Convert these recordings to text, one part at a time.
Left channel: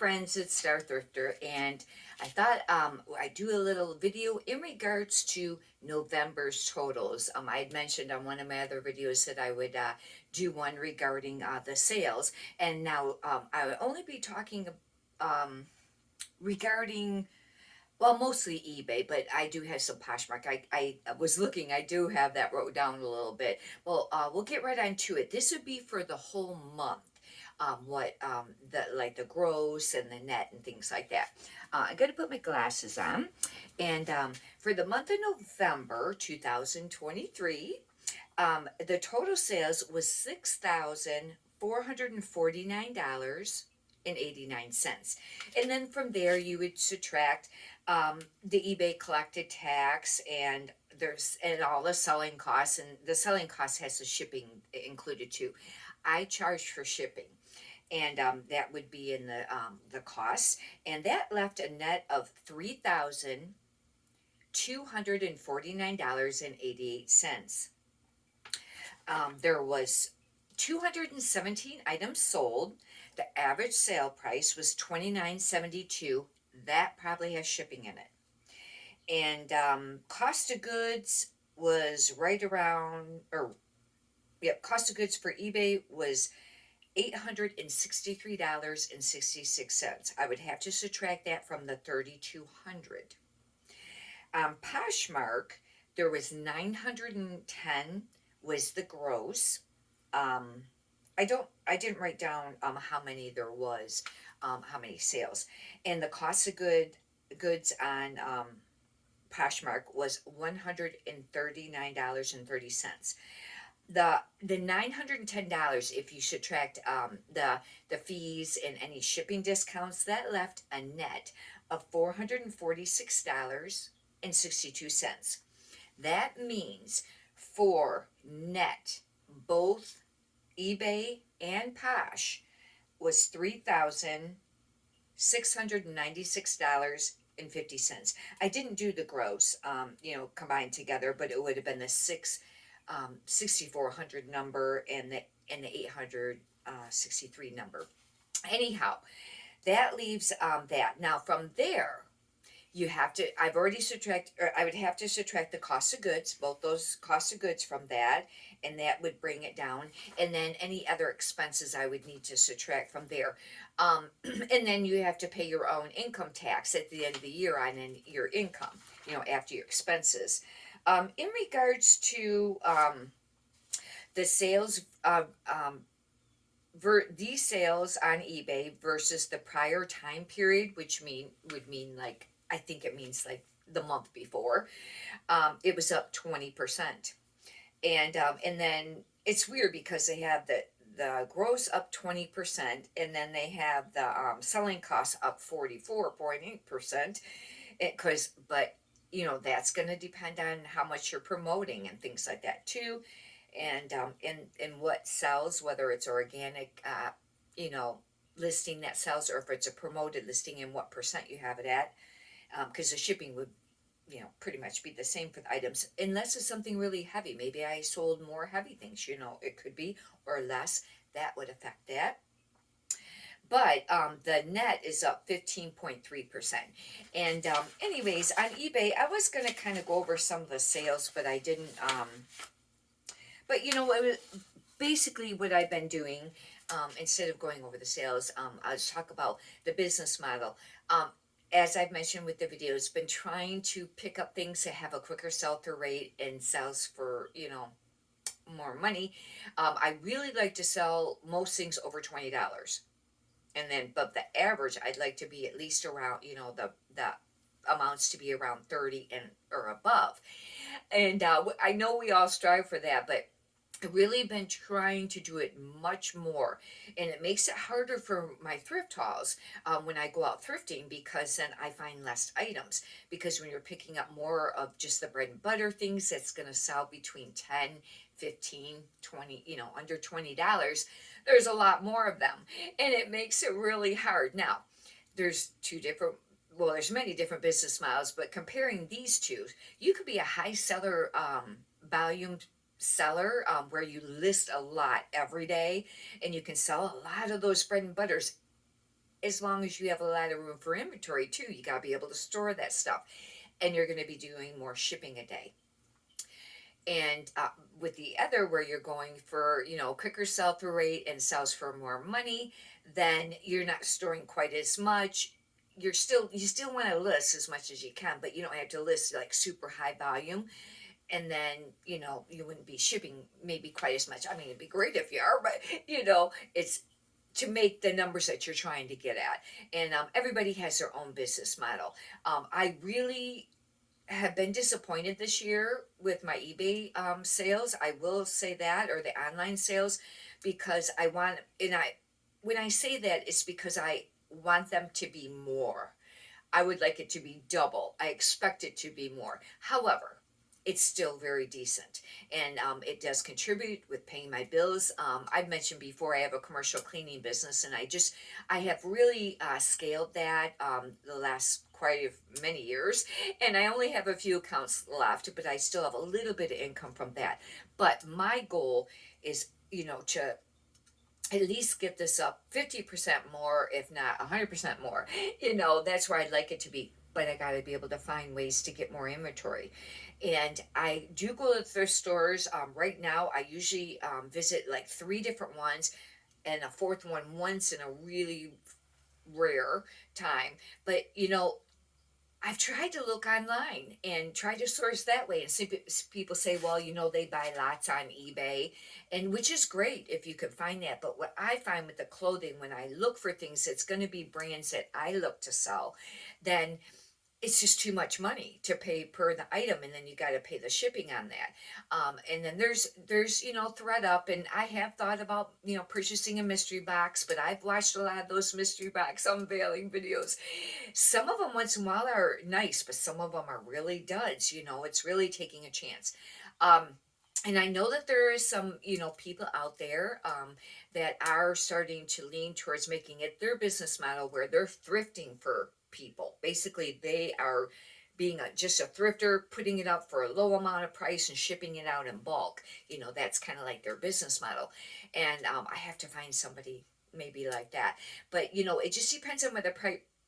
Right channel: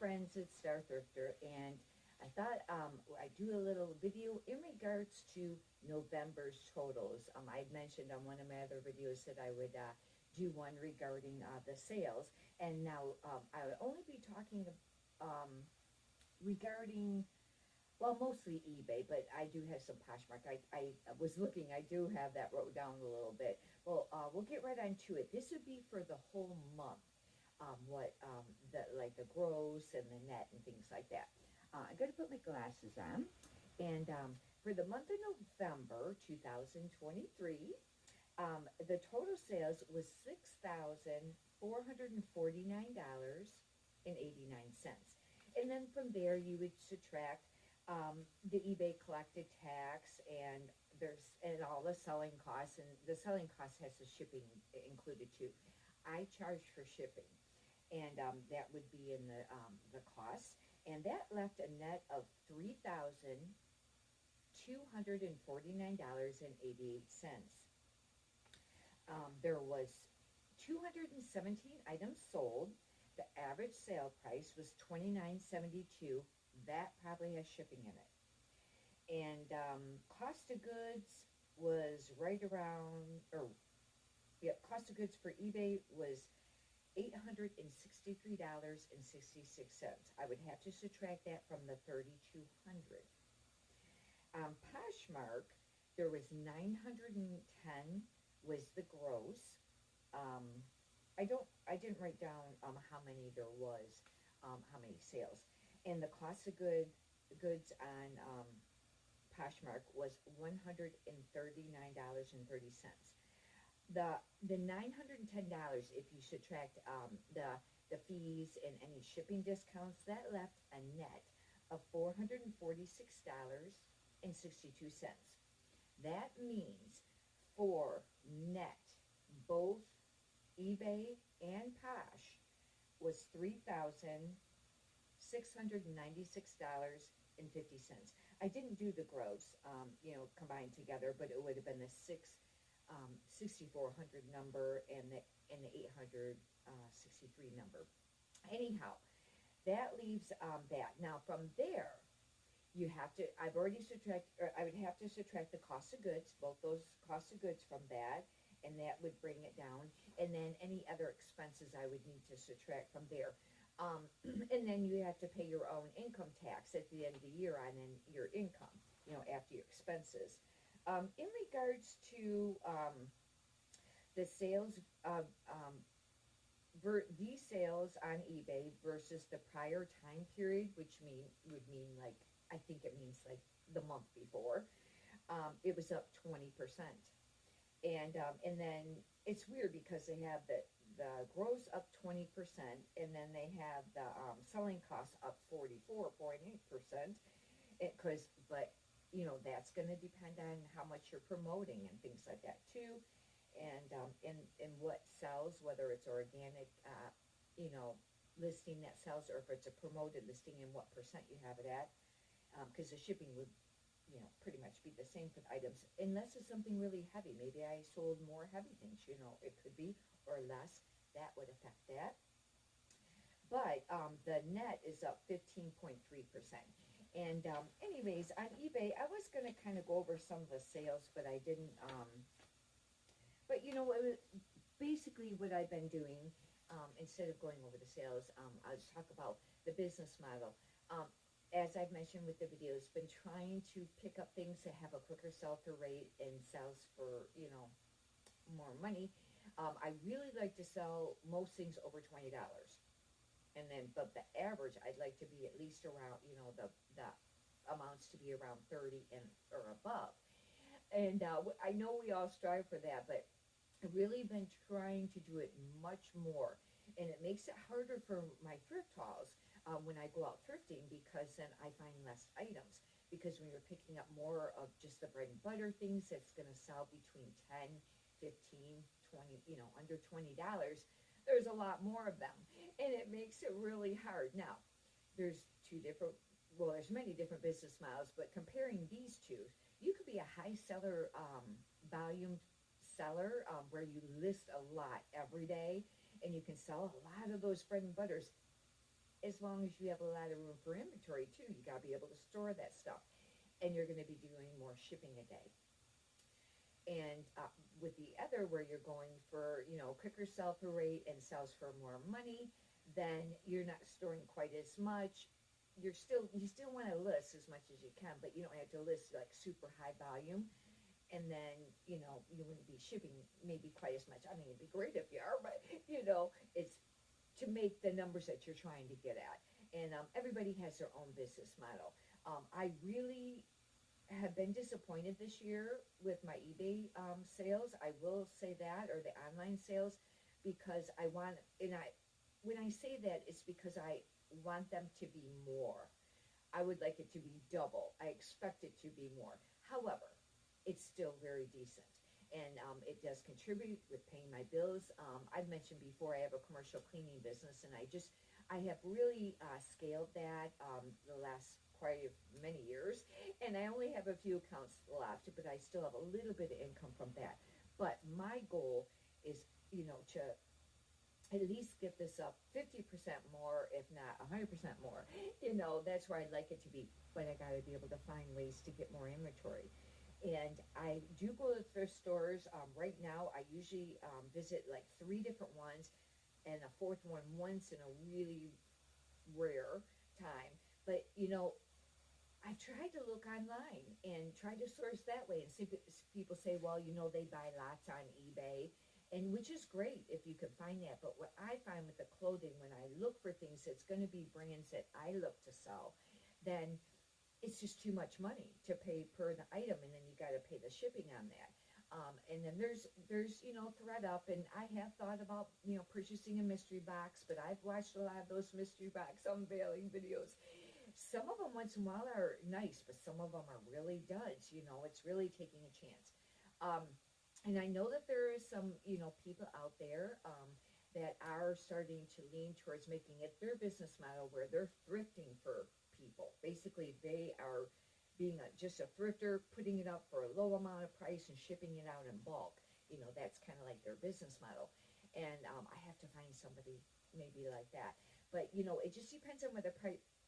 friends, it's Star Thrifter, and I thought I'd do a little video in regards to November's totals. I had mentioned on one of my other videos that I would do one regarding the sales, and now I would only be talking um, regarding, well, mostly eBay, but I do have some Poshmark. I was looking, I do have that wrote down a little bit. Well, we'll get right on to it. This would be for the whole month. What the like the gross and the net and things like that. I got to put my glasses on, and for the month of November 2023, the total sales was $6,449.89. And then from there, you would subtract the eBay collected tax and all the selling costs, and the selling cost has the shipping included too. I charge for shipping, and that would be in the cost, and that left a net of $3,249.88. There was 217 items sold. The average sale price was $29.72. That probably has shipping in it. And cost of goods was right around, or yep, cost of goods for eBay was $863.66. I would have to subtract that from the 3,200. Poshmark, there was 910 was the gross. Um, I didn't write down how many there was, how many sales, and the cost of goods on Poshmark was $139.30. The $910, if you subtract the fees and any shipping discounts, that left a net of $446.62. That means for net, both eBay and Posh was $3,696.50. I didn't do the gross, combined together, but it would have been the 6,400 number and the 863 number. Anyhow, that leaves that. Now from there, you have to, I've already subtract, or I would have to subtract the cost of goods, both those costs of goods from that, and that would bring it down. And then any other expenses I would need to subtract from there. And then you have to pay your own income tax at the end of the year on your income, after your expenses. In regards to the sales of these sales on eBay versus the prior time period, which would mean like, I think it means like the month before, it was up 20%. And then it's weird because they have the gross up 20%, and then they have the selling costs up 44.8%. But that's going to depend on how much you're promoting and things like that too, and what sells, whether it's organic, listing that sells, or if it's a promoted listing and what percent you have it at, because the shipping would pretty much be the same for the items, unless it's something really heavy. Maybe I sold more heavy things, it could be, or less. That would affect that. But the net is up 15.3%. And anyways, on eBay, I was going to kind of go over some of the sales, but I didn't. But it was basically what I've been doing. Instead of going over the sales, I'll just talk about the business model. As I've mentioned with the videos, been trying to pick up things that have a quicker sell-through rate and sells for, more money. I really like to sell most things over $20. But the average, I'd like to be at least around, the amounts to be around 30 and or above. And I know we all strive for that, but I've really been trying to do it much more, and it makes it harder for my thrift hauls when I go out thrifting, because then I find less items. Because when you're picking up more of just the bread and butter things that's going to sell between 10, 15, 20, under $20, there's a lot more of them, and it makes it really hard. Now, there's there's many different business models, but comparing these two, you could be a high seller, volume seller, where you list a lot every day, and you can sell a lot of those bread and butters as long as you have a lot of room for inventory too. You got to be able to store that stuff, and you're going to be doing more shipping a day. And with the other, where you're going for, quicker sell through rate and sells for more money, then you're not storing quite as much. You still want to list as much as you can, but you don't have to list like super high volume. And then, you wouldn't be shipping maybe quite as much. I mean, it'd be great if you are, but it's to make the numbers that you're trying to get at. And everybody has their own business model. I really have been disappointed this year with my eBay sales. I will say that, or the online sales, because when I say that, it's because I want them to be more. I would like it to be double. I expect it to be more. However, it's still very decent, and it does contribute with paying my bills. I've mentioned before I have a commercial cleaning business, and I have really scaled that the last quite many years, and I only have a few accounts left, but I still have a little bit of income from that. But my goal is, to at least get this up 50% more, if not 100% more. That's where I'd like it to be. But I got to be able to find ways to get more inventory. And I do go to thrift stores. Right now, I usually visit like three different ones, and a fourth one once in a really rare time. But I've tried to look online and try to source that way. And see, people say, well, they buy lots on eBay, and which is great if you can find that. But what I find with the clothing, when I look for things, it's going to be brands that I look to sell, then it's just too much money to pay per the item, and then you got to pay the shipping on that. And then there's ThreadUp, and I have thought about purchasing a mystery box, but I've watched a lot of those mystery box unveiling videos. Some of them once in a while are nice, but some of them are really duds. It's really taking a chance. Um, and I know that there is some, people out there that are starting to lean towards making it their business model, where they're thrifting for people. Basically, they are being just a thrifter, putting it up for a low amount of price and shipping it out in bulk. That's kind of like their business model. And I have to find somebody maybe like that. But, it just depends on what the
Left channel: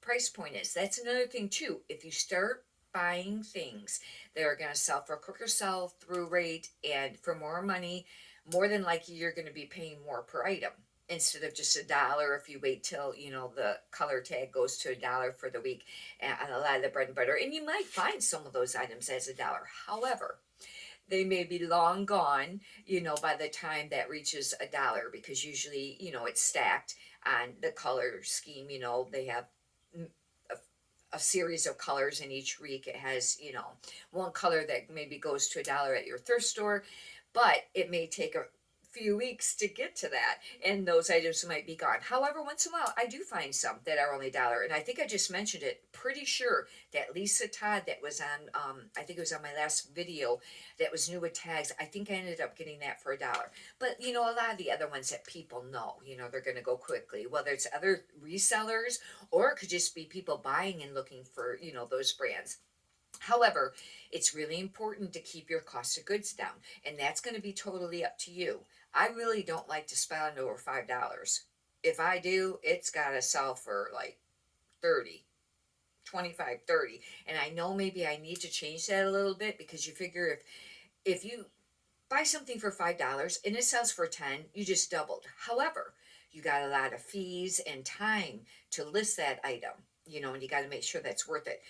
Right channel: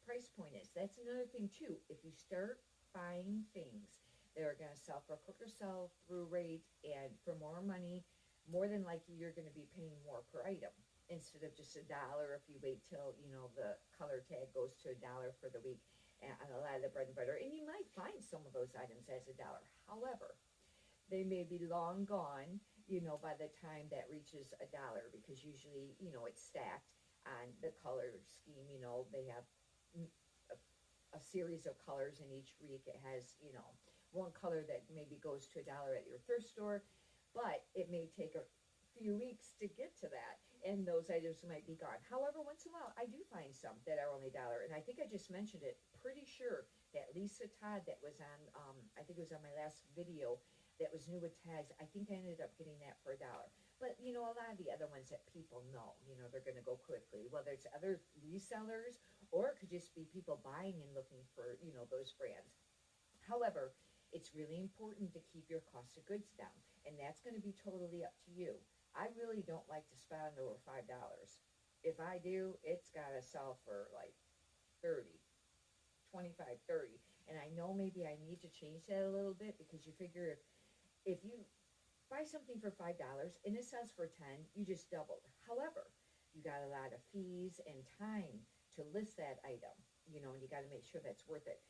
price point is. That's another thing, too. If you start buying things that are going to sell for a quicker sell through rate and for more money, more than likely you're going to be paying more per item instead of just $1 if you wait till the color tag goes to $1 for the week on a lot of the bread and butter. And you might find some of those items as $1. However, they may be long gone, by the time that reaches $1, because usually, it's stacked on the color scheme. They have a series of colors in each week. It has, one color that maybe goes to $1 at your thrift store, but it may take a few weeks to get to that, and those items might be gone. However, once in a while I do find some that are only $1, and I think I just mentioned it, pretty sure that Lisa Todd that was on I think it was on my last video, that was new with tags. I think I ended up getting that for $1. But a lot of the other ones that people know, they're going to go quickly, whether it's other resellers or it could just be people buying and looking for those brands. However, it's really important to keep your cost of goods down, and that's going to be totally up to you. I really don't like to spend over $5. If I do, it's got to sell for like 30, 25, 30. And I know maybe I need to change that a little bit, because you figure if you buy something for $5 and it sells for 10, you just doubled. However, you got a lot of fees and time to list that item, and you got to make sure that's worth it.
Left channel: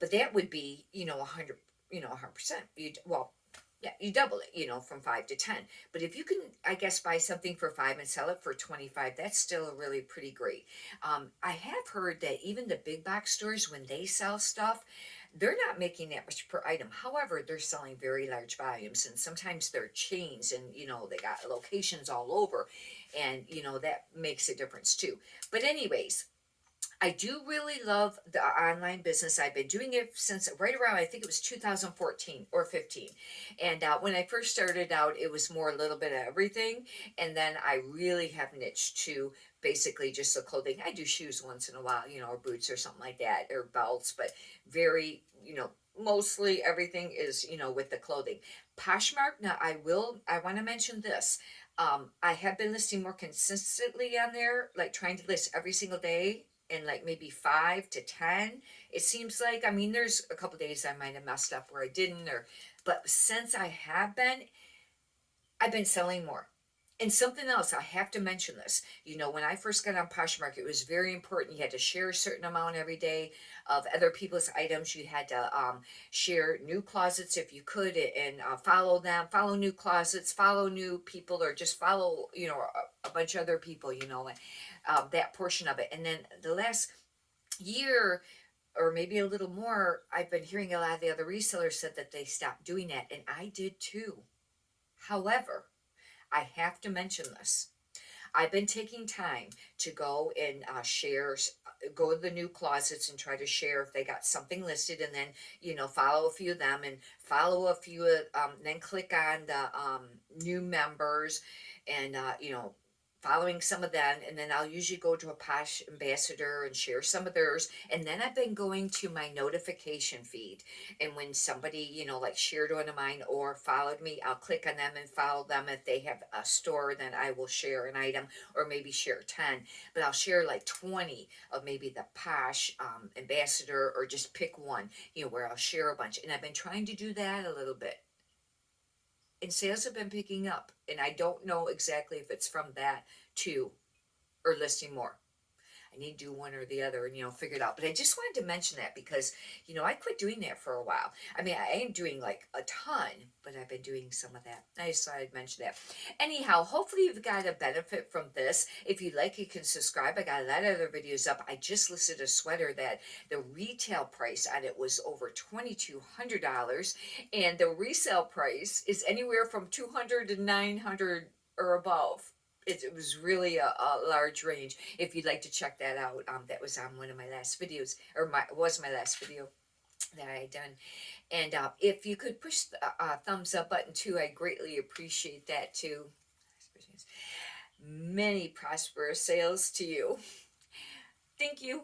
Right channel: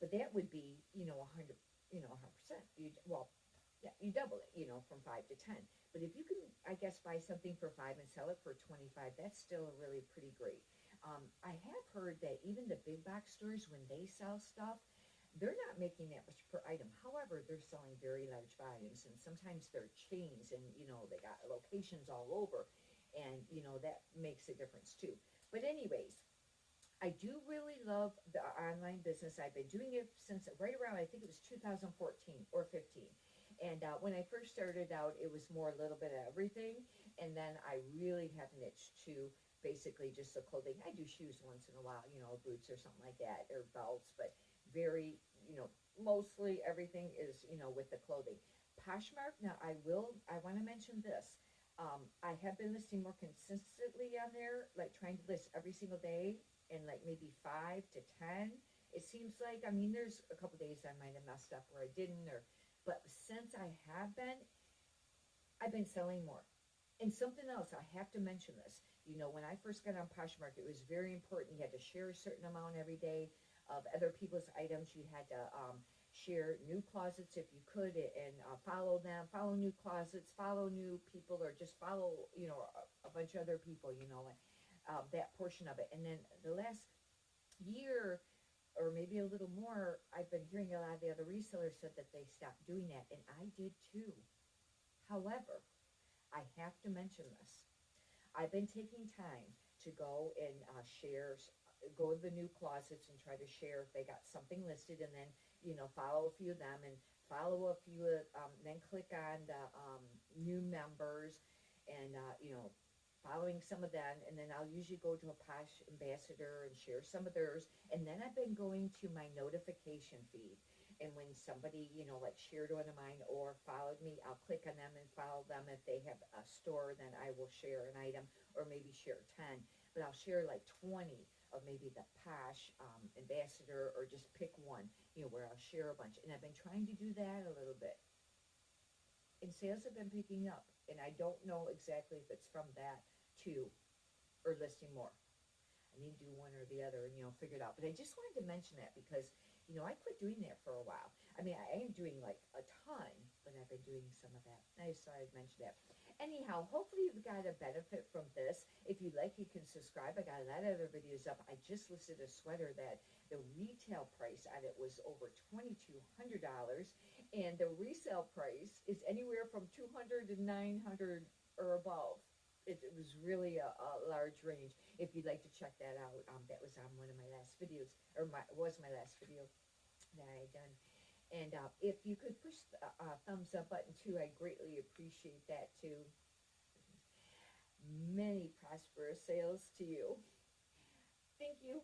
But that would be 100, 100%. Yeah, you double it, from 5 to 10. But if you can, I guess, buy something for 5 and sell it for 25, that's still really pretty great. I have heard that even the big box stores, when they sell stuff, they're not making that much per item. However, they're selling very large volumes, and sometimes they're chains, and they got locations all over, and that makes a difference too. But anyways, I do really love the online business. I've been doing it since right around, I think it was 2014 or 15. And when I first started out, it was more a little bit of everything. And then I really have niched to basically just the clothing. I do shoes once in a while, or boots or something like that, or belts, but very, mostly everything is, with the clothing. Poshmark, now I want to mention this. I have been listing more consistently on there, like trying to list every single day and like maybe 5 to 10. It seems like, I mean, there's a couple days I might have messed up where I didn't, or, but since I have been, I've been selling more. And something else, I have to mention this. You know, when I first got on Poshmark, it was very important. You had to share a certain amount every day of other people's items. You had to share new closets if you could, and follow them, follow new closets, follow new people, or just follow, you know, a bunch of other people, you know, that portion of it. And then the last year, or maybe a little more, I've been hearing a lot of the other resellers said that they stopped doing that, and I did too. However, I have to mention this. I've been taking time to go and share, go to the new closets and try to share if they got something listed, and then, you know, follow a few of them and follow a few, then click on the new members and, you know, following some of them. And then I'll usually go to a Posh ambassador and share some of theirs. And then I've been going to my notification feed. And when somebody, you know, like shared one of mine or followed me, I'll click on them and follow them. If they have a store, then I will share an item, or maybe share 10, but I'll share like 20 of maybe the Posh ambassador, or just pick one, you know, where I'll share a bunch. And I've been trying to do that a little bit. And sales have been picking up. And I don't know exactly if it's from that too, or listing more. I need to do one or the other and, you know, figure it out. But I just wanted to mention that because, you know, I quit doing that for a while. I mean, I ain't doing like a ton, but I've been doing some of that. I just thought I'd mention that. Anyhow, hopefully you've got a benefit from this. If you like, you can subscribe. I got a lot of other videos up. I just listed a sweater that the retail price on it was over $2,200, and the resale price is anywhere from 200 to 900 or above. It was really a large range. If you'd like to check that out, that was on one of my last videos, or was my last video that I had done. And if you could push the thumbs up button too, I greatly appreciate that too. Many prosperous sales to you. Thank you.